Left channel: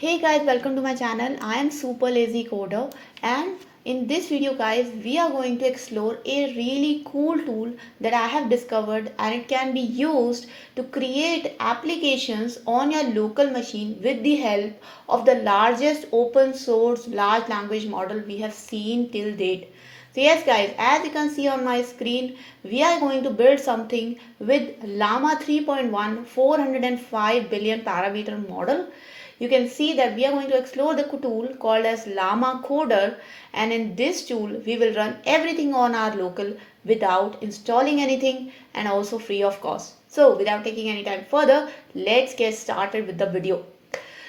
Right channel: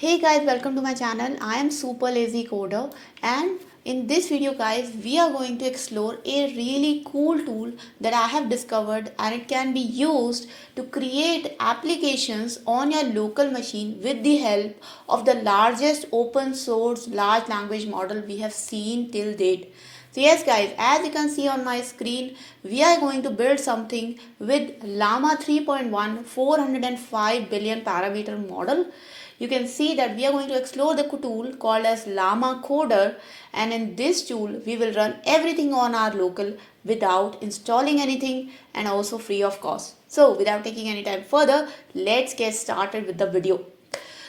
Hey guys, welcome to my channel. I am Super Lazy Coder, and in this video guys we are going to explore a really cool tool that I have discovered, and it can be used to create applications on your local machine with the help of the largest open source large language model we have seen till date. So yes guys, as you can see on my screen, we are going to build something with Llama 3.1 405 billion parameter model. You can see that we are going to explore the tool called as Llama Coder, and in this tool we will run everything on our local without installing anything and also free of cost. So without taking any time further, let's get started with the video.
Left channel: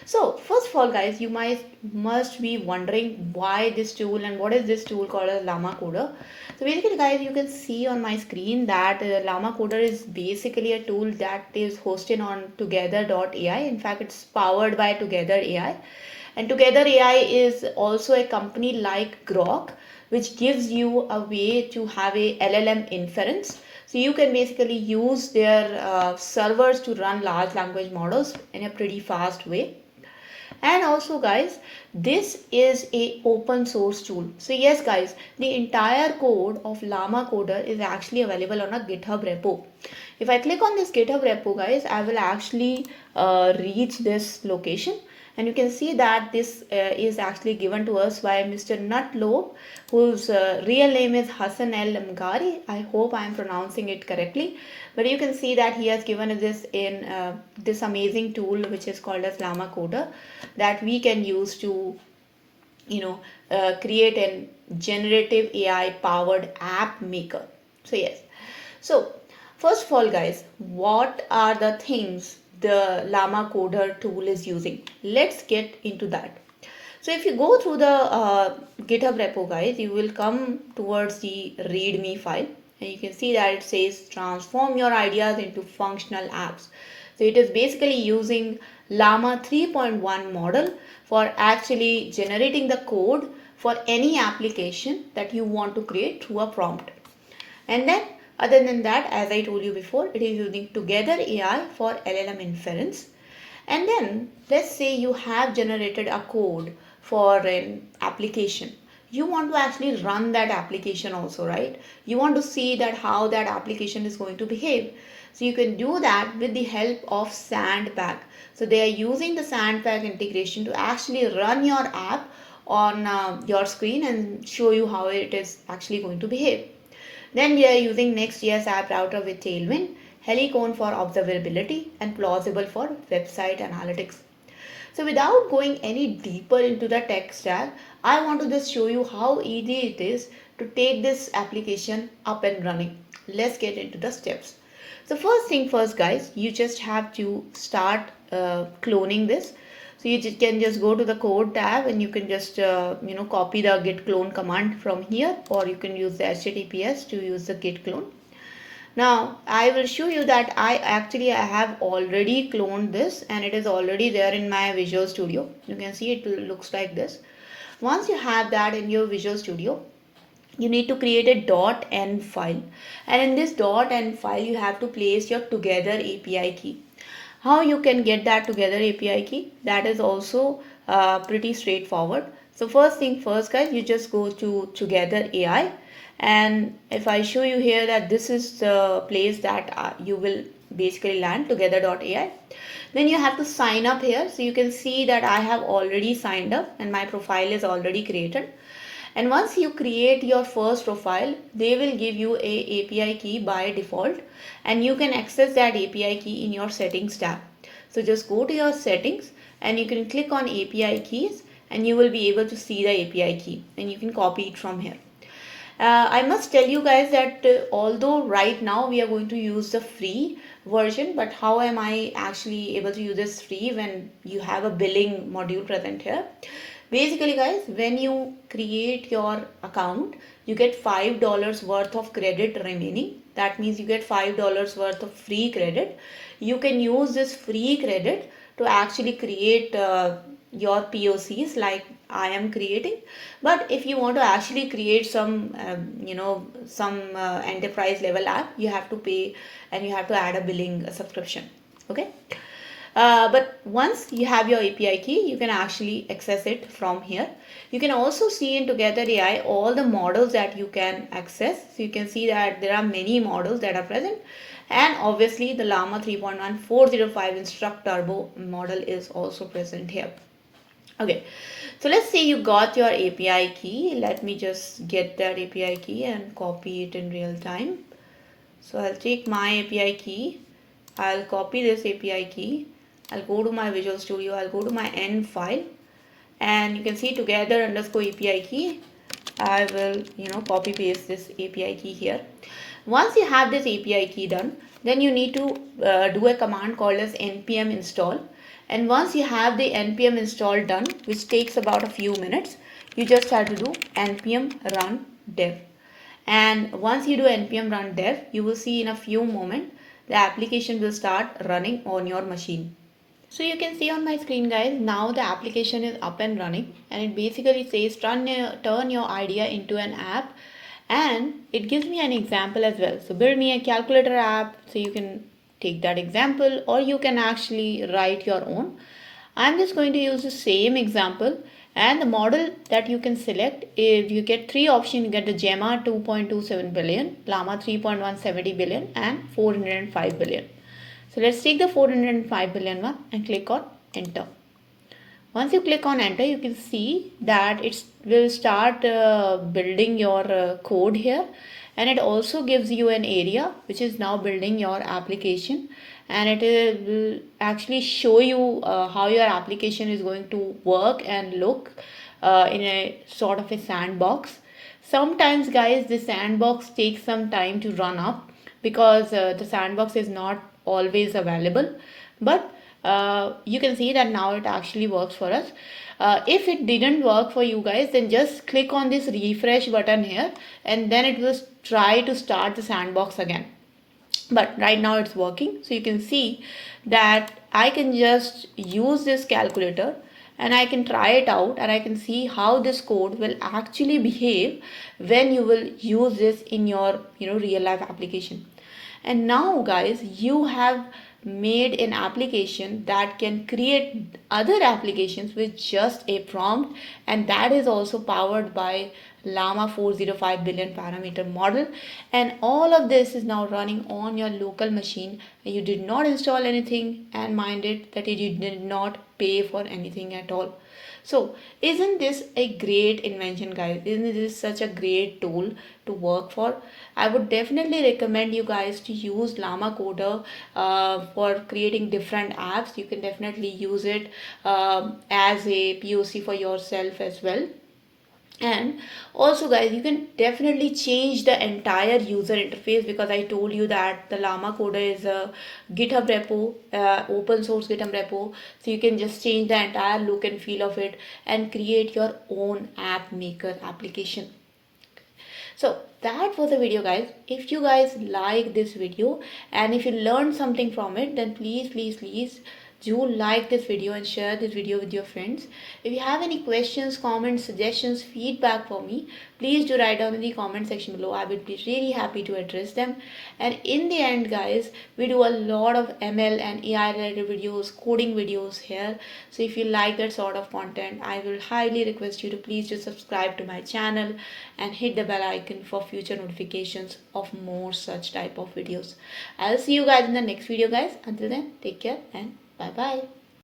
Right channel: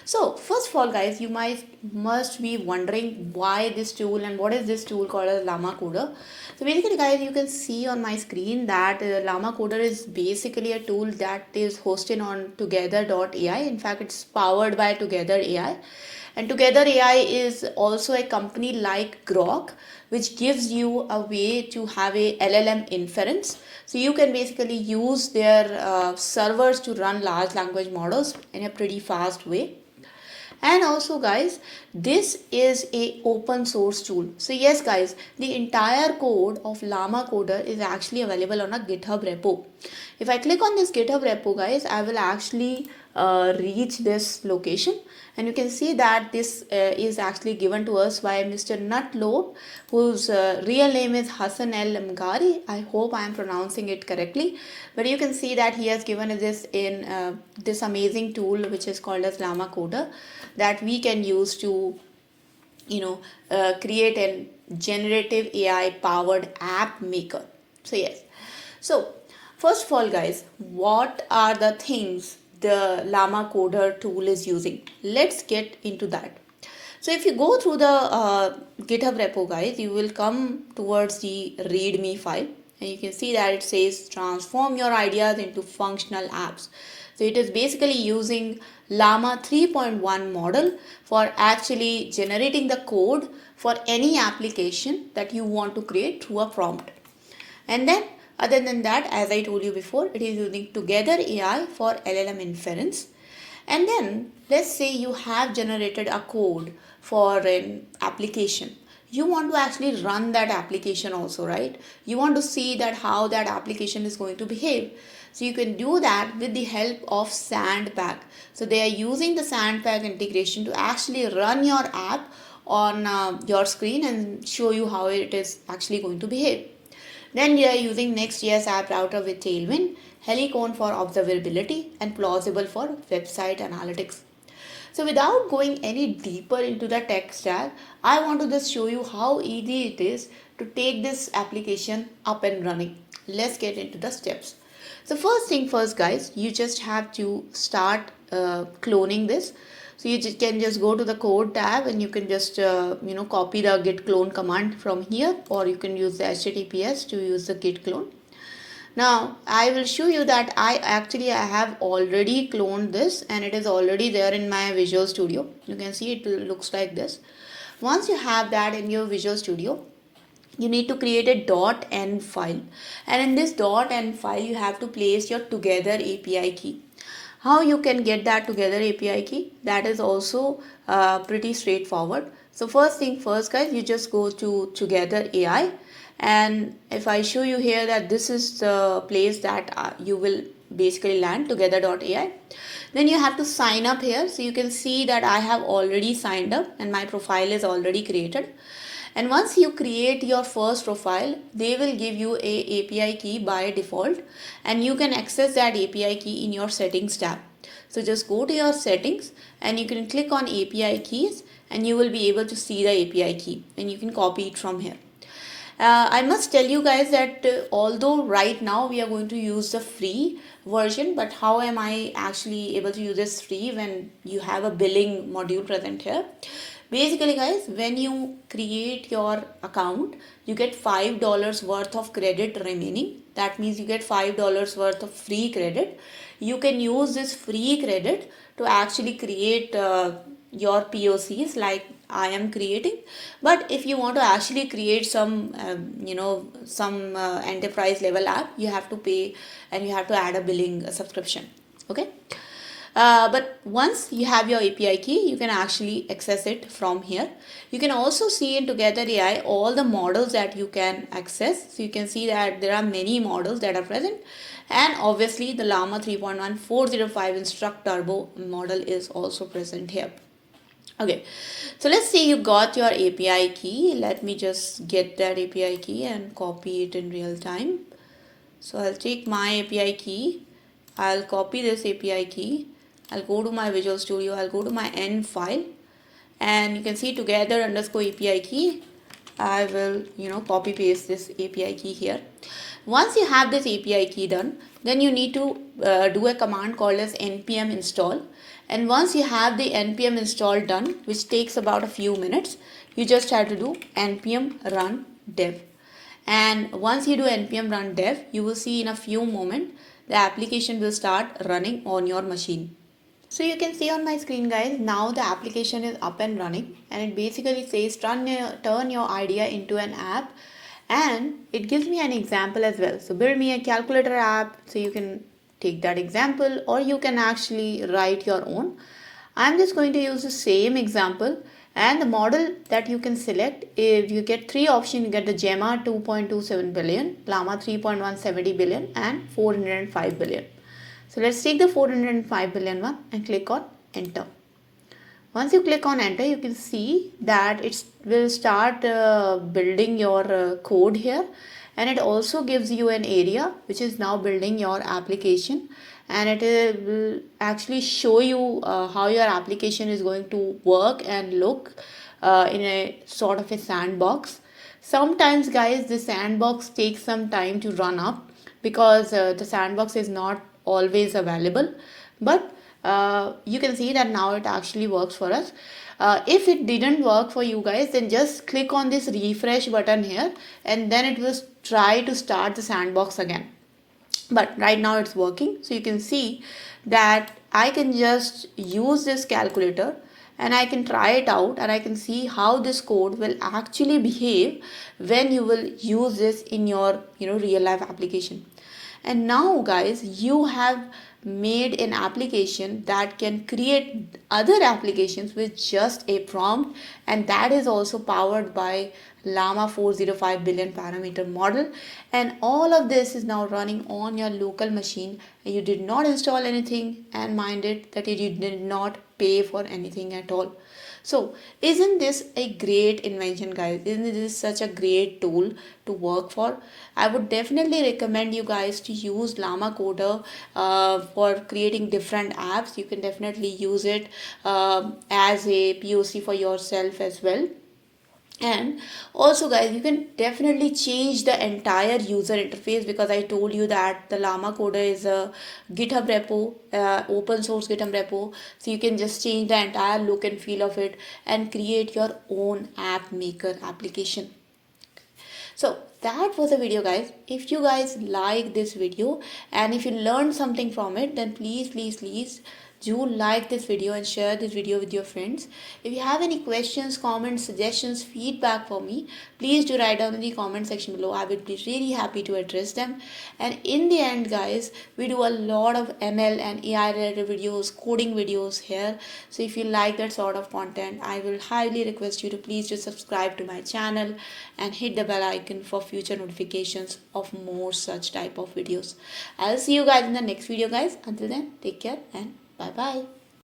So first of all guys, you must be wondering why this tool and what is this tool called as Llama Coder. So basically guys, you can see on my screen that Llama Coder is basically a tool that is hosted on Together.ai. In fact, it's powered by Together.ai. And Together.ai is also a company like Grok, which gives you a way to have a LLM inference. So you can basically use their servers to run large language models in a pretty fast way. And also guys, this is a open source tool. So yes guys, the entire code of Llama Coder is actually available on a GitHub repo. If I click on this GitHub repo guys, I will actually reach this location, and you can see that this is actually given to us by Mr. Nutlob, whose real name is Hassan El Mgari. I hope I am pronouncing it correctly, but you can see that he has given us this in this amazing tool which is called as Llama Coder, that we can use to create a generative AI powered app maker. So yes, so first of all guys, what are the things the Llama Coder tool is using? Let's get into that. So if you go through the GitHub repo guys, you will come towards the readme file, and you can see that it says transform your ideas into functional apps. So it is basically using Llama 3.1 model for actually generating the code for any application that you want to create through a prompt. And then other than that, as I told you before, it is using Together AI for LLM inference. And then let's say you have generated a code for an application. You want to actually run that application also, right? You want to see that how that application is going to behave. So you can do that with the help of Sandpack. So they are using the Sandpack integration to actually run your app on your screen and show you how it is actually going to behave. Then we are using Next.js app router with Tailwind, Helicon for observability, and Plausible for website analytics. So without going any deeper into the tech stack, I want to just show you how easy it is to take this application up and running. Let's get into the steps. So first thing first guys, you just have to start cloning this. So you can just go to the code tab, and you can just copy the git clone command from here, or you can use the HTTPS to use the git clone. Now I will show you that I have already cloned this, and it is already there in my Visual Studio. You can see it looks like this. Once you have that in your Visual Studio, you need to create a .env file, and in this .env file you have to place your Together API key. How you can get that Together API key? That is also pretty straightforward. So first thing first guys, you just go to Together AI, and if I show you here that this is the place that you will basically land, Together.ai, then you have to sign up here. So you can see that I have already signed up and my profile is already created. And once you create your first profile, they will give you a API key by default, and you can access that API key in your settings tab. So just go to your settings and you can click on API keys, and you will be able to see the API key, and you can copy it from here. I must tell you guys that although right now we are going to use the free version, but how am I actually able to use this free when you have a billing module present here? Basically guys, when you create your account, you get $5 worth of credit remaining. That means you get $5 worth of free credit. You can use this free credit to actually create your POCs like I am creating. But if you want to actually create some enterprise level app, you have to pay, and you have to add a billing subscription. Okay. But once you have your API key, you can actually access it from here. You can also see in Together AI all the models that you can access. So you can see that there are many models that are present. And obviously the Llama 3.1 405 Instruct Turbo model is also present here. Okay, so let's say you got your API key. Let me just get that API key and copy it in real time. So I'll take my API key. I'll copy this API key. I'll go to my Visual Studio. I'll go to my end file, and you can see together underscore API key. I will, copy paste this API key here. Once you have this API key done, then you need to do a command called as npm install. And once you have the npm install done, which takes about a few minutes, you just have to do npm run dev. And once you do npm run dev, you will see in a few moments the application will start running on your machine. So you can see on my screen, guys, now the application is up and running, and it basically says turn your idea into an app, and it gives me an example as well. So build me a calculator app. So you can take that example, or you can actually write your own. I'm just going to use the same example, and the model that you can select is, you get three options. You get the Llama 2.27 billion, Llama 3.170 billion, and 405 billion. So let's take the 405 billion one and click on enter. Once you click on enter, you can see that it will start building your code here, and it also gives you an area which is now building your application, and it will actually show you how your application is going to work and look in a sort of a sandbox. Sometimes, guys, the sandbox takes some time to run up because the sandbox is not always available, but you can see that now it actually works for us. If it didn't work for you guys, then just click on this refresh button here, and then it will try to start the sandbox again. But right now it's working. So you can see that I can just use this calculator and I can try it out, and I can see how this code will actually behave when you will use this in your real life application. And now, guys, you have made an application that can create other applications with just a prompt, and that is also powered by Llama 405 billion parameter model. And all of this is now running on your local machine. You did not install anything, and mind it that you did not pay for anything at all. So isn't this a great invention, guys? Isn't this such a great tool to work for? I would definitely recommend you guys to use LlamaCoder for creating different apps. You can definitely use it as a POC for yourself as well. And also, guys, you can definitely change the entire user interface, because I told you that the Llama Coder is a GitHub repo, open source GitHub repo. So you can just change the entire look and feel of it and create your own app maker application. So that was the video, guys. If you guys like this video and if you learned something from it, then please do like this video and share this video with your friends. If you have any questions, comments, suggestions, feedback for me, please do write down in the comment section below. I would be really happy to address them. And in the end, guys, we do a lot of ML and AI related videos, coding videos here. So if you like that sort of content, I will highly request you to please just subscribe to my channel and hit the bell icon for future notifications of more such type of videos. I'll see you guys in the next video, guys. Until then, take care and bye bye.